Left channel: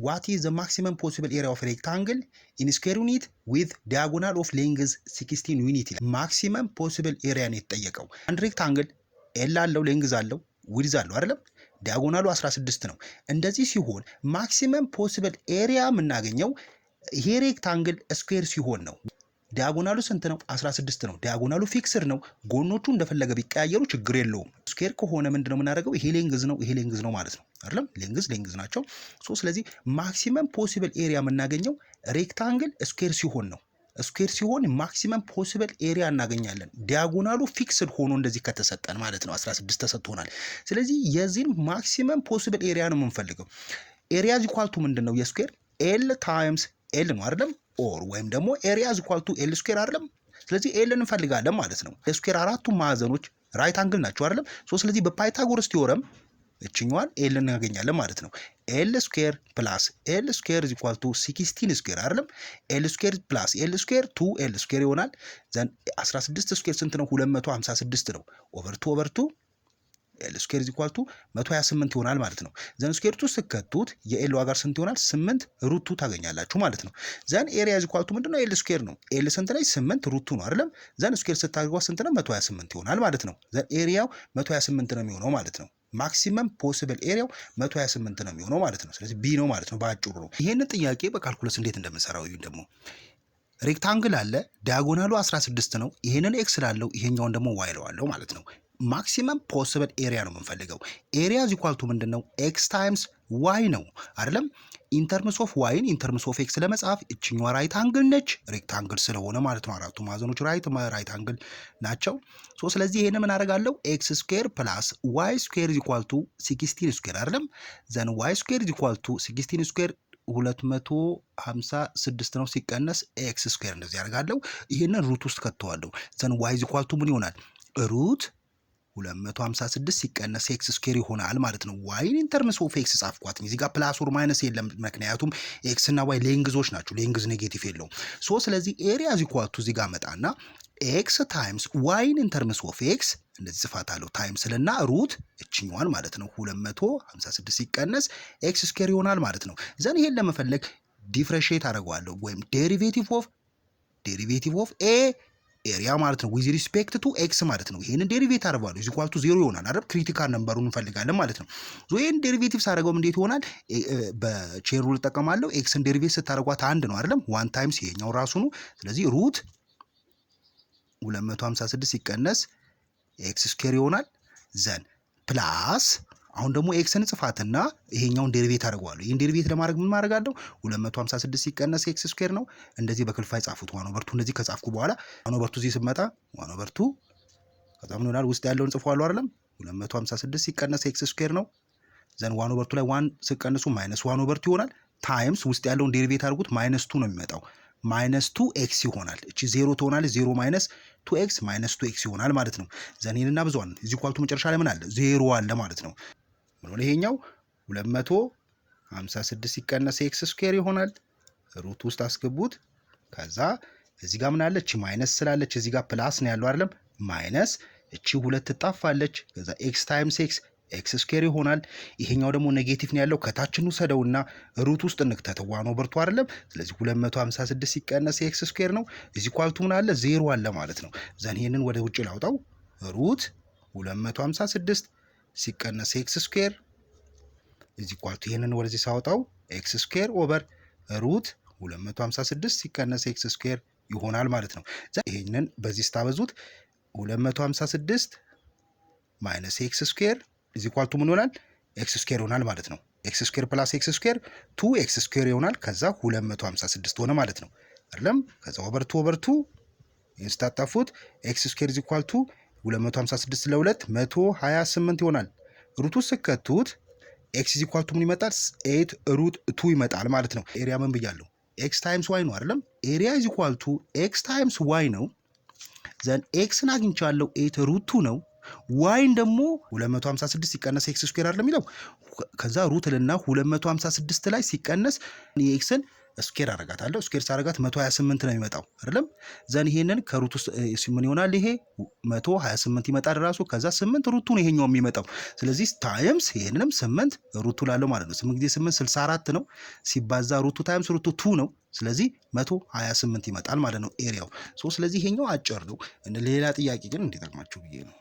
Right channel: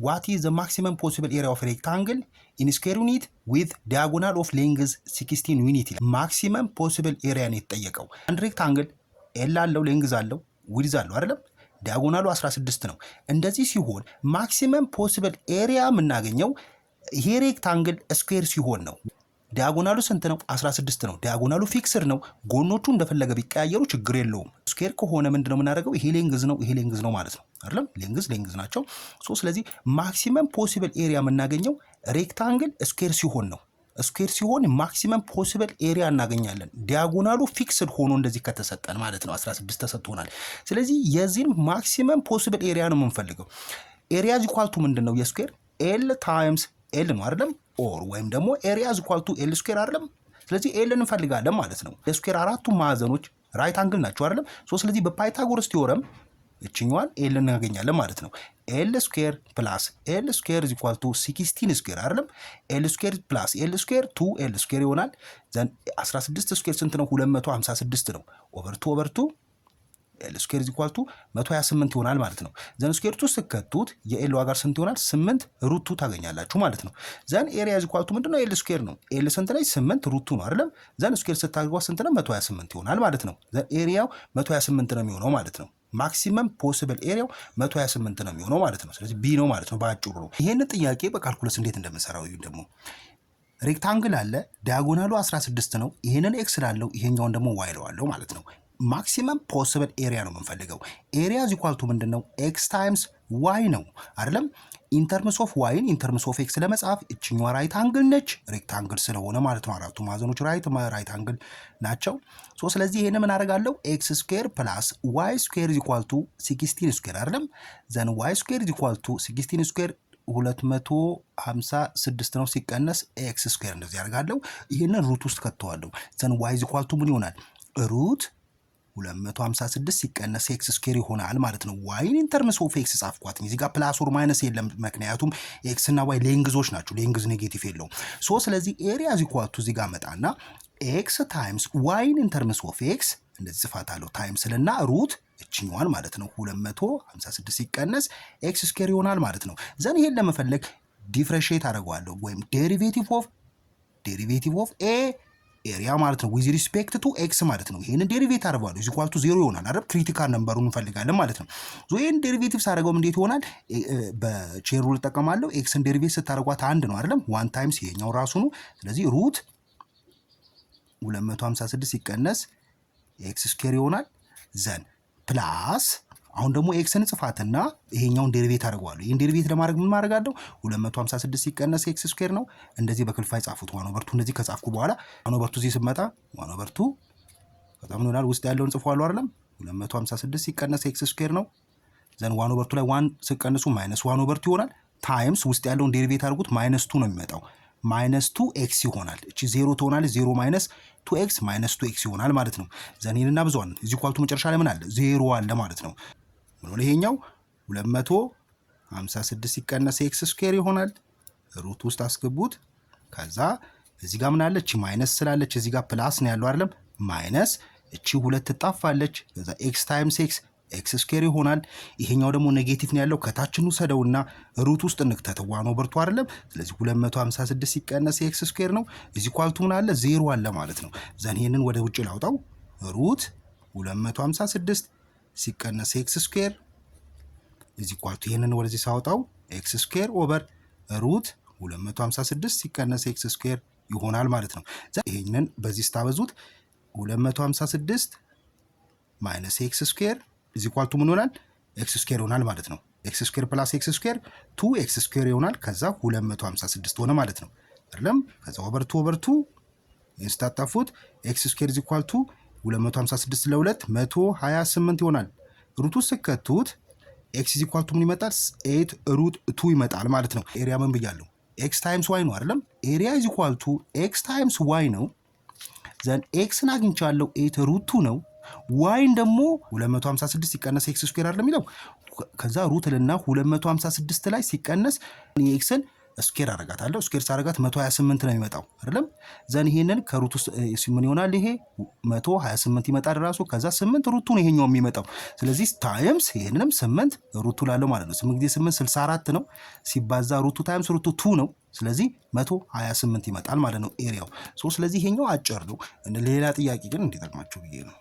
what is the maximum possible area of rectangle in square unit with diagonal of length 16 unit? maximum possible area ነው የተጠየቀው። አንድ ሬክታንግል ኤል አለው ሌንግዝ አለው ዊድዝ አለው አይደለም ዲያጎናሉ 16 ነው። እንደዚህ ሲሆን ማክሲመም ፖሲብል ኤሪያ የምናገኘው ይሄ ሬክታንግል ስኩዌር ሲሆን ነው። ዲያጎናሉ ስንት ነው? 16 ነው። ዲያጎናሉ ፊክስድ ነው። ጎኖቹ እንደፈለገ ቢቀያየሩ ችግር የለውም። ስኩዌር ከሆነ ምንድነው የምናደርገው? ይሄ ሌንግዝ ነው፣ ይሄ ሌንግዝ ነው ማለት ነው አይደለም? ሌንግዝ ናቸው። ስለዚህ ማክሲመም ፖሲብል ኤሪያ የምናገኘው ሬክታንግል ስኩዌር ሲሆን ነው። ስኩዌር ሲሆን ማክሲመም ፖሲብል ኤሪያ እናገኛለን። ዲያጎናሉ ፊክስድ ሆኖ እንደዚህ ከተሰጠን ማለት ነው 16 ተሰጥቶናል። ስለዚህ የዚህን ማክሲመም ፖሲብል ኤሪያ ነው የምንፈልገው። ኤሪያ ኢኳል ቱ ምንድነው? የስኩዌር ኤል ታይምስ ኤል ነው አይደለም? ኦር ወይም ደግሞ ኤሪያ ኢኳል ቱ ኤል ስኩዌር አይደለም? ስለዚህ ኤል እንፈልጋለን ማለት ነው። የስኩዌር አራቱ ማዕዘኖች ራይት አንግል ናቸው አይደለም? ስለዚህ በፓይታጎረስ ቲዮረም እችኛዋን ኤል እናገኛለን ማለት ነው። ኤል ስኩዌር ፕላስ ኤል ስኩዌር ኢኳል ቱ 16 ስኩዌር አይደለም? ኤል ስኩዌር ፕላስ ኤል ስኩዌር 2 ኤል ስኩዌር ይሆናል። ዘን 16 ስኩዌር ስንት ነው? 256 ነው። ኦቨር 2 ኤል ስኩዌር ኢኳል ቱ 128 ይሆናል ማለት ነው። ዘን ስኩዌር ቱ ስከቱት የኤል ዋጋ ስንት ይሆናል? 8 ሩት 2 ታገኛላችሁ ማለት ነው። ዘን ኤሪያ ኢኳል ቱ ምንድነው? ኤል ስኩዌር ነው። ኤል ስንት ላይ 8 ሩት 2 ነው አይደለም? ዘን ስኩዌር ስታደርጉት ስንት ነው? 128 ይሆናል ማለት ነው። ዘን ኤሪያው 128 ነው የሚሆነው ማለት ነው። ማክሲመም ፖሲብል ኤሪያው 128 ነው የሚሆነው ማለት ነው። ስለዚህ ቢ ነው ማለት ነው ባጭሩ ነው። ይሄን ጥያቄ በካልኩለስ እንዴት እንደምንሰራው ደግሞ ሬክታንግል አለ ዲያጎናሉ 16 ነው። ይሄንን ኤክስ ላለው ይሄኛውን ደግሞ ዋይ ለዋለው ማለት ነው። ማክሲመም ፖሲብል ኤሪያ ነው የምንፈልገው። ኤሪያ ኢኳል ቱ ምንድነው? ኤክስ ታይምስ ዋይ ነው አይደለም? ኢንተርምስ ኦፍ ዋይን ኢንተርምስ ኦፍ ኤክስ ለመጻፍ እችኛዋ ራይት አንግል ነች፣ ሬክታንግል ስለሆነ ማለት ነው። አራቱ ማዕዘኖች ራይት አንግል ናቸው። ስለዚህ ይሄን ምን አደርጋለሁ? ኤክስ ስኩዌር ፕላስ ዋይ ስኩዌር ኢኳል ቱ 16 ስኩዌር አይደለም? ዘን ዋይ ስኩዌር ኢኳል ቱ 16 ስኩዌር 256 ነው ሲቀነስ ኤክስ ስኩዌር እንደዚህ ያደርጋለሁ። ይሄንን ሩት ውስጥ ከተዋለሁ። ዘን ዋይ ኢኳል ቱ ምን ይሆናል? ሩት 256 ሲቀነስ ኤክስ ስኩዌር ይሆናል ማለት ነው። ዋይን ኢንተርምስ ኦፍ ኤክስ ጻፍኳት። እዚህ ጋር ፕላስ ኦር ማይነስ የለም፣ ምክንያቱም ኤክስ እና ዋይ ሌንግዞች ናቸው። ሌንግዝ ኔጌቲቭ የለውም። ስለዚህ ኤሪያ ኢኳል ቱ እዚህ ጋር መጣና ኤክስ ታይምስ ዋይን ኢንተርምስ ኦፍ ኤክስ እንደዚህ ጽፋታለሁ። ታይምስ ልና ሩት እችኛዋን ማለት ነው 256 ሲቀነስ ኤክስ ስኩዌር ይሆናል ማለት ነው። ዘን ይሄን ለመፈለግ ዲፍረንሺየት አደርገዋለሁ ወይም ዴሪቬቲቭ ኦፍ ኤ ኤሪያ ማለት ነው ዊዝ ሪስፔክት ቱ ኤክስ ማለት ነው። ይሄንን ዴሪቬት አደርጋለሁ ኢዝ ኢኳል ቱ 0 ይሆናል አይደል? ክሪቲካል ነምበሩን እንፈልጋለን ማለት ነው። ይሄን ዴሪቬቲቭ ሳደርገው እንዴት ይሆናል? በቼን ሩል ተጠቀማለሁ። ኤክስን ዴሪቬት ስታደርጓት 1 ነው አይደል? 1 ታይምስ ይሄኛው ራሱ ነው። ስለዚህ ሩት 256 ሲቀነስ ኤክስ ስኩዌር ይሆናል። ዘን ፕላስ አሁን ደግሞ ኤክስን ጽፋትና ይሄኛውን ዴሪቬት አደርጋለሁ። ይሄን ዴሪቬት ለማድረግ ምን ማድረጋለሁ? 256 ሲቀነስ ኤክስ ስኩዌር ነው። እንደዚህ በክልፋይ ጻፉት። ዋን ኦቨር 2 እንደዚህ ከጻፍኩ በኋላ ዋን ኦቨር 2 እዚህ ስመጣ ዋን ኦቨር 2 ከዛ ምን ይሆናል? ውስጥ ያለውን ጽፏለሁ አይደለም? 256 ሲቀነስ ኤክስ ስኩዌር ነው። ዘን ዋን ኦቨር 2 ላይ ዋን ሲቀነሱ ማይነስ ዋን ኦቨር 2 ይሆናል። ታይምስ ውስጥ ያለውን ዴሪቬት አድርጉት ማይነስ 2 ነው የሚመጣው። ማይነስ 2 ኤክስ ይሆናል። እቺ 0 ትሆናለች። 0 ማይነስ 2x ማይነስ 2x ይሆናል ማለት ነው። ዘን ይሄንና ብዙዋን እዚህ ኳልቱ መጨረሻ ላይ ምን አለ? 0 አለ ማለት ነው። ምን ይሄኛው 256 ሲቀነስ ኤክስ ስኩዌር ይሆናል። ሩት ውስጥ አስገቡት። ከዛ እዚህ ጋር ምን አለች? ማይነስ ስላለች እዚህ ጋር ፕላስ ነው ያለው አይደለም? ማይነስ እቺ ሁለት ትጣፋለች። ከዛ ኤክስ ታይምስ ኤክስ ስኩዌር ይሆናል። ይሄኛው ደግሞ ኔጌቲቭ ነው ያለው። ከታችኑ ሰደውና ሩት ውስጥ እንክተተው ዋን ኦቨር 2 አይደለም? ስለዚህ 256 ሲቀነስ ኤክስ ስኩዌር ነው። እዚህ ኳልቱ ምን አለ? 0 አለ ማለት ነው። ዘን ይሄንን ወደ ውጭ ላውጣው። ሩት 256 ሲቀነስ ኤክስ ስኩዌር እዚህ ኳልቱ ይሄንን ወደዚህ ሳውጣው ኤክስ ስኩዌር ኦቨር ሩት 256 ሲቀነስ ኤክስ ስኩዌር ይሆናል ማለት ነው። ይሄንን በዚህ ስታበዙት 256 ማይነስ ኤክስ ስኩዌር እዚህ ኳልቱ ምን ይሆናል? ኤክስ ስኩዌር ይሆናል ማለት ነው። ኤክስ ስኩዌር ፕላስ ኤክስ ስኩዌር 2x ስኩዌር ይሆናል። ከዛ 256 ሆነ ማለት ነው አይደለም? ከዛ ኦቨር 2 ይንስታጣፉት ኤክስ ስኩዌር እዚህ ኳልቱ 256 ለ2 128 ይሆናል። ሩቱ ስከቱት ኤክስ ኢዝ ኢኳል ቱ ምን ይመጣል? 8 ሩት 2 ይመጣል ማለት ነው። ኤሪያ ምን ብያለሁ? ኤክስ ታይምስ ዋይ ነው አይደለም? ኤሪያ ኢዝ ኢኳል ቱ ኤክስ ታይምስ ዋይ ነው። ዘን ኤክስን አግኝቻለሁ 8 ሩት 2 ነው። ዋይን ደግሞ 256 ሲቀነስ ኤክስ ስኩዌር አይደለም የሚለው። ከዛ ሩት ልና 256 ላይ ሲቀነስ ኤክስን ስኬር አረጋታለሁ። ስኬር ሳረጋት 128 ነው የሚመጣው አይደለም። ዘን ይሄንን ከሩት ውስጥ ምን ይሆናል? ይሄ 128 ይመጣል ራሱ። ከዛ 8 ሩቱ ነው ይሄኛው የሚመጣው። ስለዚህ ታይምስ ይሄንንም 8 ሩቱ ላለው ማለት ነው። 8 ጊዜ 8 64 ነው። ሲባዛ ሩቱ ታይምስ ሩቱ 2 ነው። ስለዚህ 128 ይመጣል ማለት ነው ኤሪያው። ስለዚህ ይሄኛው አጭር ነው። ሌላ ጥያቄ ግን እንዲጠቅማችሁ ብዬ ነው።